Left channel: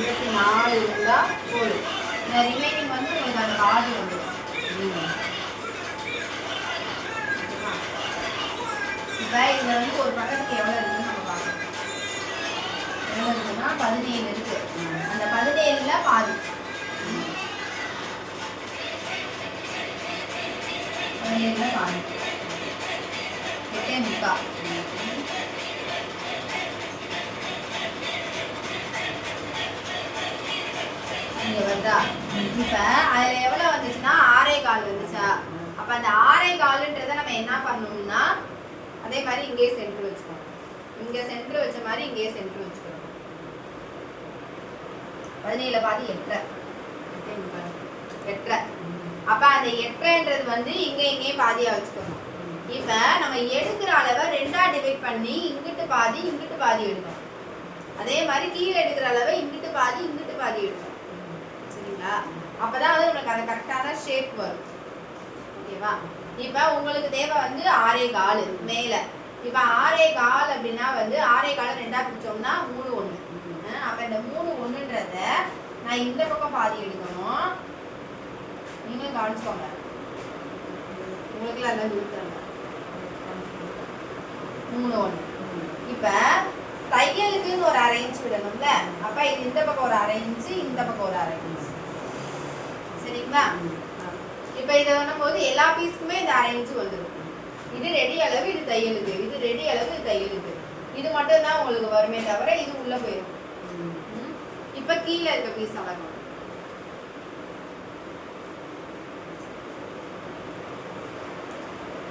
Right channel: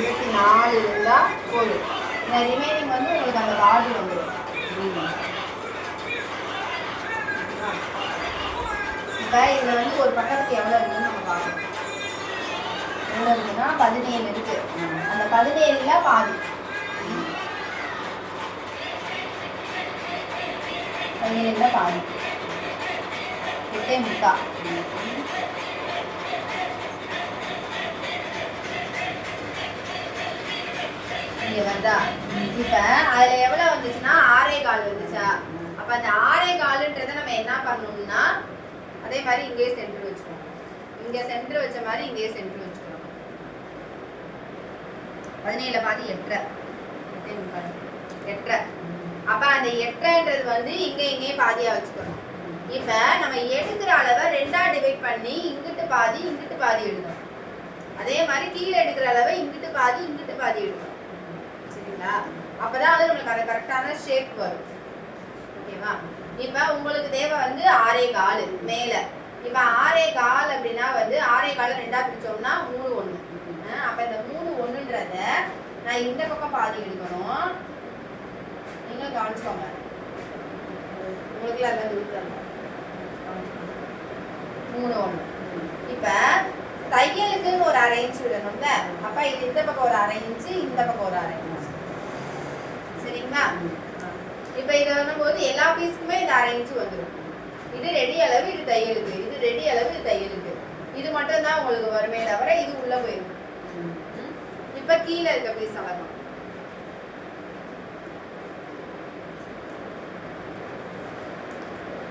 24 இருந்தால் போதும். இந்த ரிமைனிங் வந்து உங்களுக்கு அந்த கார்டு வந்துடும். இப்போ இதில் வந்து ஒரு பக்கத்துக்கு எவ்வளோ இருக்குன்னு நம்ம பார்க்கணும். எவ்வளோ இருக்குன்னா 17 இருக்கு. அந்த 17ல் பாதி 17ல் பாதி 8.75. இங்கே வருதா? இப்போ அதில் எவ்வளோ வந்துச்சுன்னா 6.25 வந்துச்சா? அப்போ அந்த 6.25ன்றதை நம்ம என்ன பண்ணணும்னா அதே மாதிரி இங்கே சென்டர் வச்சுக்கணும். இங்கே சென்டர் வச்ச மாதிரி இங்கே சென்டர் வச்சுக்கணும். 17 பாதி 8.5. அப்போ அந்த 8.5ன்றது வந்து இங்கே பாதியாக வச்சுக்கணும். இப்போ நம்ம எடுக்கிற அளவை 2ஆ டிவைட் பண்ணி இங்கிட்டு பாதி எடுக்கணும். அதே மாதிரி கீழே எடுக்கிற அளவை இங்கிட்டு பாதி எடுக்கணும். சரிங்களா? அப்போதான் வந்து நம்மளுக்கு அந்த கரெக்டான ஷேப் வரும். ஓகேவா? இப்போ உங்களுக்கு தேவை வந்து 6.25 மேலே. இப்போ 6.25 அப்படின்னா வந்து 6.25 2ஆ பிரிச்சோம்னா 3 1. அப்போ இந்த 3 1ன்றத நான் இந்த பக்கம் பாதி எடுக்கணும். நீங்களும் கவனிச்சுக்கோங்க. உங்களுக்குலாம் எல்லாம் விருப்பம் 3 1. இப்போ தையலுக்குன்னு ஒரு 1/2 இன்ச் விடணும்ல. அப்போ இது இந்த பக்கம் ஒரு 1/2 இன்ச்சு, இந்த பக்கம் ஒரு 1/2 இன்ச். சரிங்களா? இப்போ இதை வரும்போது எல்லா பீஸுக்குமே இந்த 1/2 இன்ச்சு வந்துடும். இது ரெடி அளவு, இது தையலுக்கு. இது ரெடி அளவு, இது தையலுக்கு. இது மட்டும் தான் உங்களுக்கு வருமே தவிர இது உள்ள போயிடும். இப்போ கீழே இருக்க பீஸ் வரணும்.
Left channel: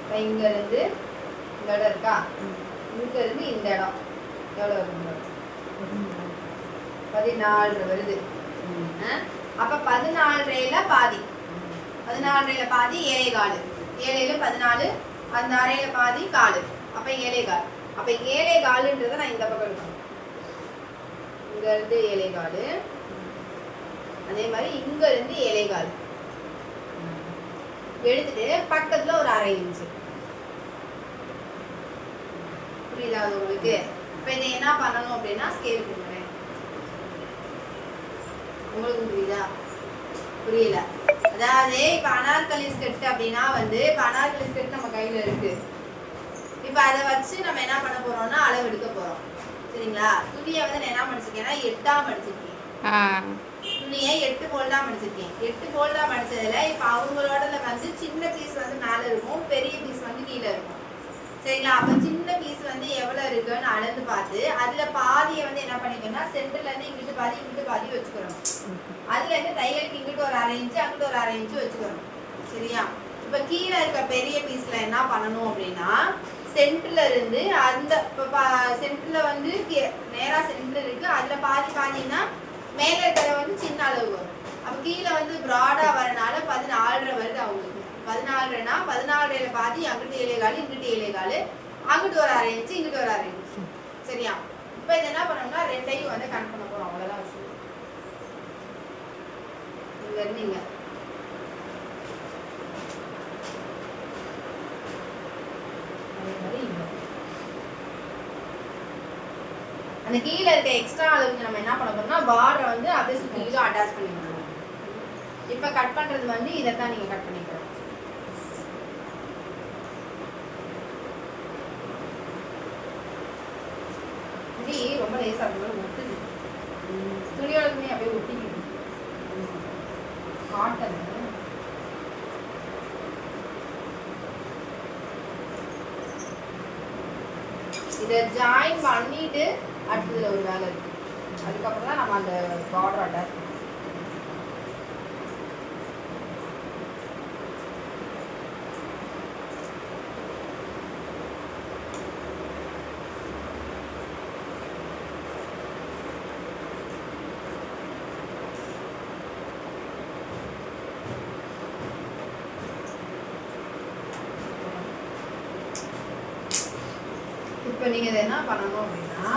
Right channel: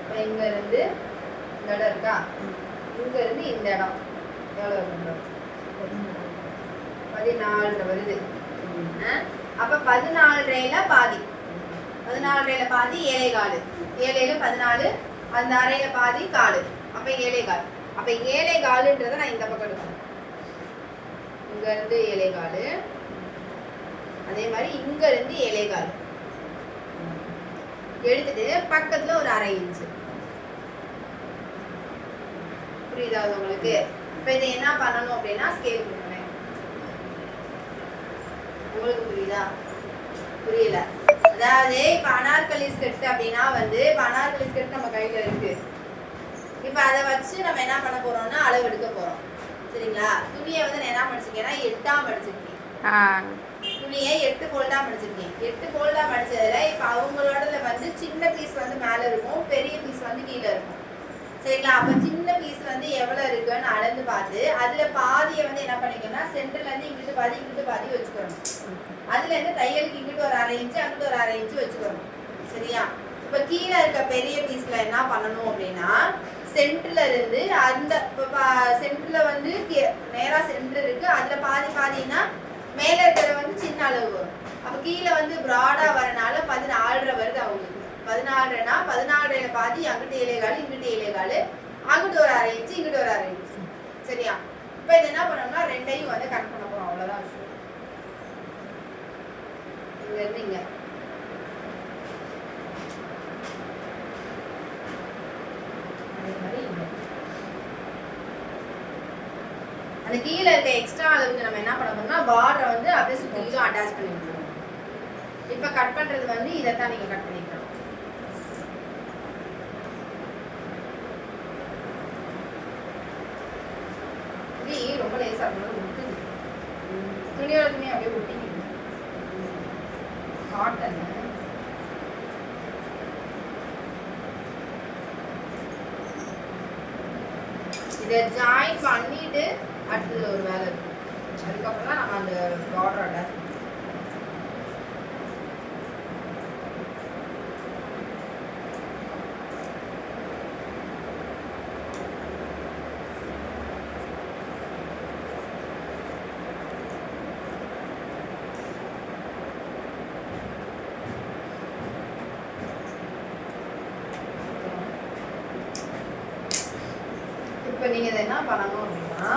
இப்போ இங்க இருந்து இந்த இடம் இருக்கா? இங்க இருந்து இந்த இடம் எவ்வளோ வரும்? 14 வருது. அப்போ 14.5ல பாதி 14.5ல பாதி 7.25. 7 14, அந்த 1/2ல பாதி 1/4. அப்போ 7.25. அப்போ 7.25ன்றதை நான் இந்த பக்கம் எடுக்கணும். இங்கேருந்து 7.25, அதே மாதிரி இங்கேருந்து 7.25 எடுத்துட்டு பக்கத்தில் ஒரு 1/2 இன்ச்சு. புரியுதா உங்களுக்கு? இப்போ இதை என்ன பண்ணணும் அப்படின்னா ஸ்கேல் பண்ணுறேன். உங்களுக்கு புரியுதா? புரியல? அதாவது இப்போ அனார்கலி ஸ்கர்ட் அப்படின்னா வந்து இப்போ அனார்கலி ஸ்கர்ட் நம்ம கையில் இருக்கு. இப்போ அதை வச்சு நம்ம என்ன பண்ண போறோம்னா அளவு எடுக்க போறோம். சரிங்களா? துணியை வந்து நான் என்ன மடிச்சிருக்கேன்னா 8ஆ மடிச்சிருக்கேன். துணியை 8 ஃபோல்டா மடிச்சிருக்கேன். 8 ஃபோல்டா மடிச்சதுல இப்போ அவங்களோட வந்து சின்ன பீஸ் வந்து மேலே இருக்கும், பெரிய பீஸ் வந்து கீழே இருக்கும். சரிங்களா? அப்போ சின்ன பீஸ் வந்து எவ்வளோ இருக்குன்னு அளந்து பார்த்து அதில் பாதியை வந்து என்ன பண்ணிக்கணும்னா சென்டர்லேருந்து இங்கிட்டு பாதி வச்சுக்கணும். அதுலேருந்து தையலுக்கு இங்கிட்டு ஒரு 1/2 இன்ச்சு, அங்கிட்டு ஒரு 1/2 இன்ச்சு வச்சுக்கணும். சரியா? இப்போ கீழே இருக்க பெரிய பீஸில் என்ன பண்ணணும் அப்படின்னா சென்டரில் இருந்து அந்த இப்போ சென்டரில் வந்து நேராக சென்டர் இருக்குது, அதில் பாதினா மேலே இருக்கிற வந்து சின்ன அளவு வரும். அப்போ கீழே வந்து ப்ராடாக வரனால 14.5 வருது அவங்களுக்கு. 14.5னா 14.5ல பாதி அங்கிட்டு 7.25, இங்கிட்டு 7.25, அங்கிட்டு ஒரு 1/2 இன்ச்சு, இங்கிட்டு ஒரு 1/2 இன்ச்சு. சரியா? இப்போ இது என்ன பண்ணோம்னா ரெண்டையும் வந்து கட் பண்ண போகிறோம். அவ்வளோதான் விஷயம். இங்கேருந்து இங்கே அந்த கீழே இருக்க எக்ஸ்ட்ரா அளவுக்கு நம்ம என்ன பண்ண போறோம்னா பார்டரை வந்து அப்படியே சுற்றிலும் அட்டாச் பண்ணி விட்டுருவோம். இப்போ கட் பண்ணுறது வந்து இதைத்தான் நீங்கள் கட் பண்ணிக்கிறோம். இது ரொம்ப லேசாக இருக்கணும், ஒட்டுது. துணியோட துணி அப்படியே ஒட்டிக்கிது. காட்டன் இதை ஜாயின் பண்ணிட்டு அடுத்ததுல ஒரு வேலை இருக்கு. அதுக்கப்புறம் தான் நம்ம அந்த பார்டர் அட்டாச் பண்ணணும். இப்போ நீங்கள் இதை என்ன பண்ணணும் அப்படின்னா